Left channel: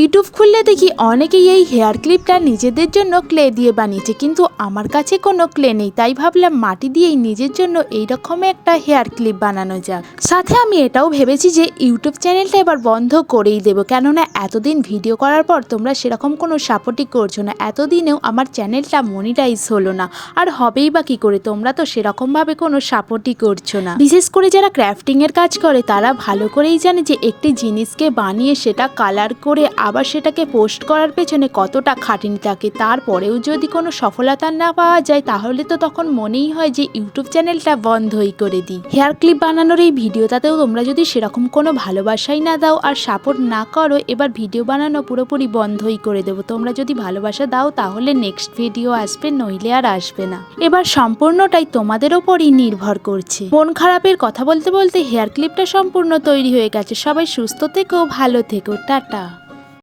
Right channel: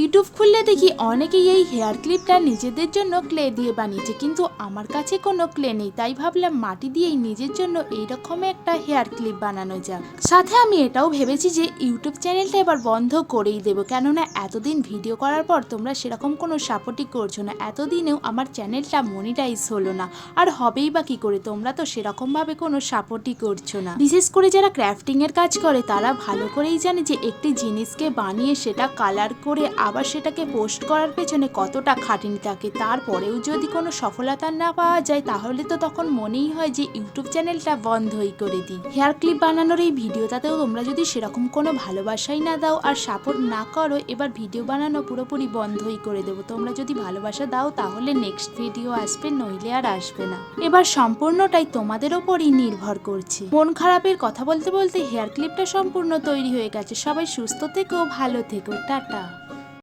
YouTube খুললে দেখি অনেকেই এই হেয়ার ক্লিপটা নিজেদের জন্য ক্লে দিয়ে বানিয়েছে, কিন্তু আমার কাছে কোনো ক্লে নেই, তাই ভাবলাম মাটি দিয়েই নিজের জন্য এইরকম একটা হেয়ার ক্লিপ বানানো যাক। সাথে আমি এটাও ভেবেছি যে ইউটিউব চ্যানেলটা এবার বন্ধ করেই দেবো, কেননা এতদিন ভিডিও করার পর তোমরা সেরকম কোনো সাপোর্টই করছ না, এতদিনেও আমার চ্যানেলটা মনিটাইজ হলো না, আর হবেই বা কী করে, তোমরা তো সেরকমভাবে কোনো সাপোর্টই করছ না। বিশেষ করে যারা ক্রাফটিংয়ের কাজ করে, তারা ভালো করেই জানে যে একটি জিনিসকে বানিয়ে সেটা কালার করে আবার সেটাকে পোস্ট করার পেছনে কতটা খাটনি থাকে তারপরেও যদি কোনো সফলতা না পাওয়া যায়, তাহলে তো তখন মনেই হয় যে ইউটিউব চ্যানেলটা বন্ধই করে দিই। হেয়ার ক্লিপ বানানোর এই ভিডিওটাতেও তোমরা যদি সেরকম কোনো ভালোবাসাই না দাও আর সাপোর্ট না করো, এবার ভিডিও বানানো পুরোপুরি বন্ধই করে দেবো। তোমরা যদি ভালোবাসা দাও, তাহলে নেক্সট ভিডিও আসবে, নইলে আর আসবে না। এবার সম্পূর্ণটাই তোমাদের ওপরই নির্ভর করছে। মন খারাপের কথা বলতে বলতে হেয়ার ক্লিপটা সম্পূর্ণ তৈরি হয়ে গেছে। সবাই সুস্থ থেকো, ভালো থেকো, টাটা।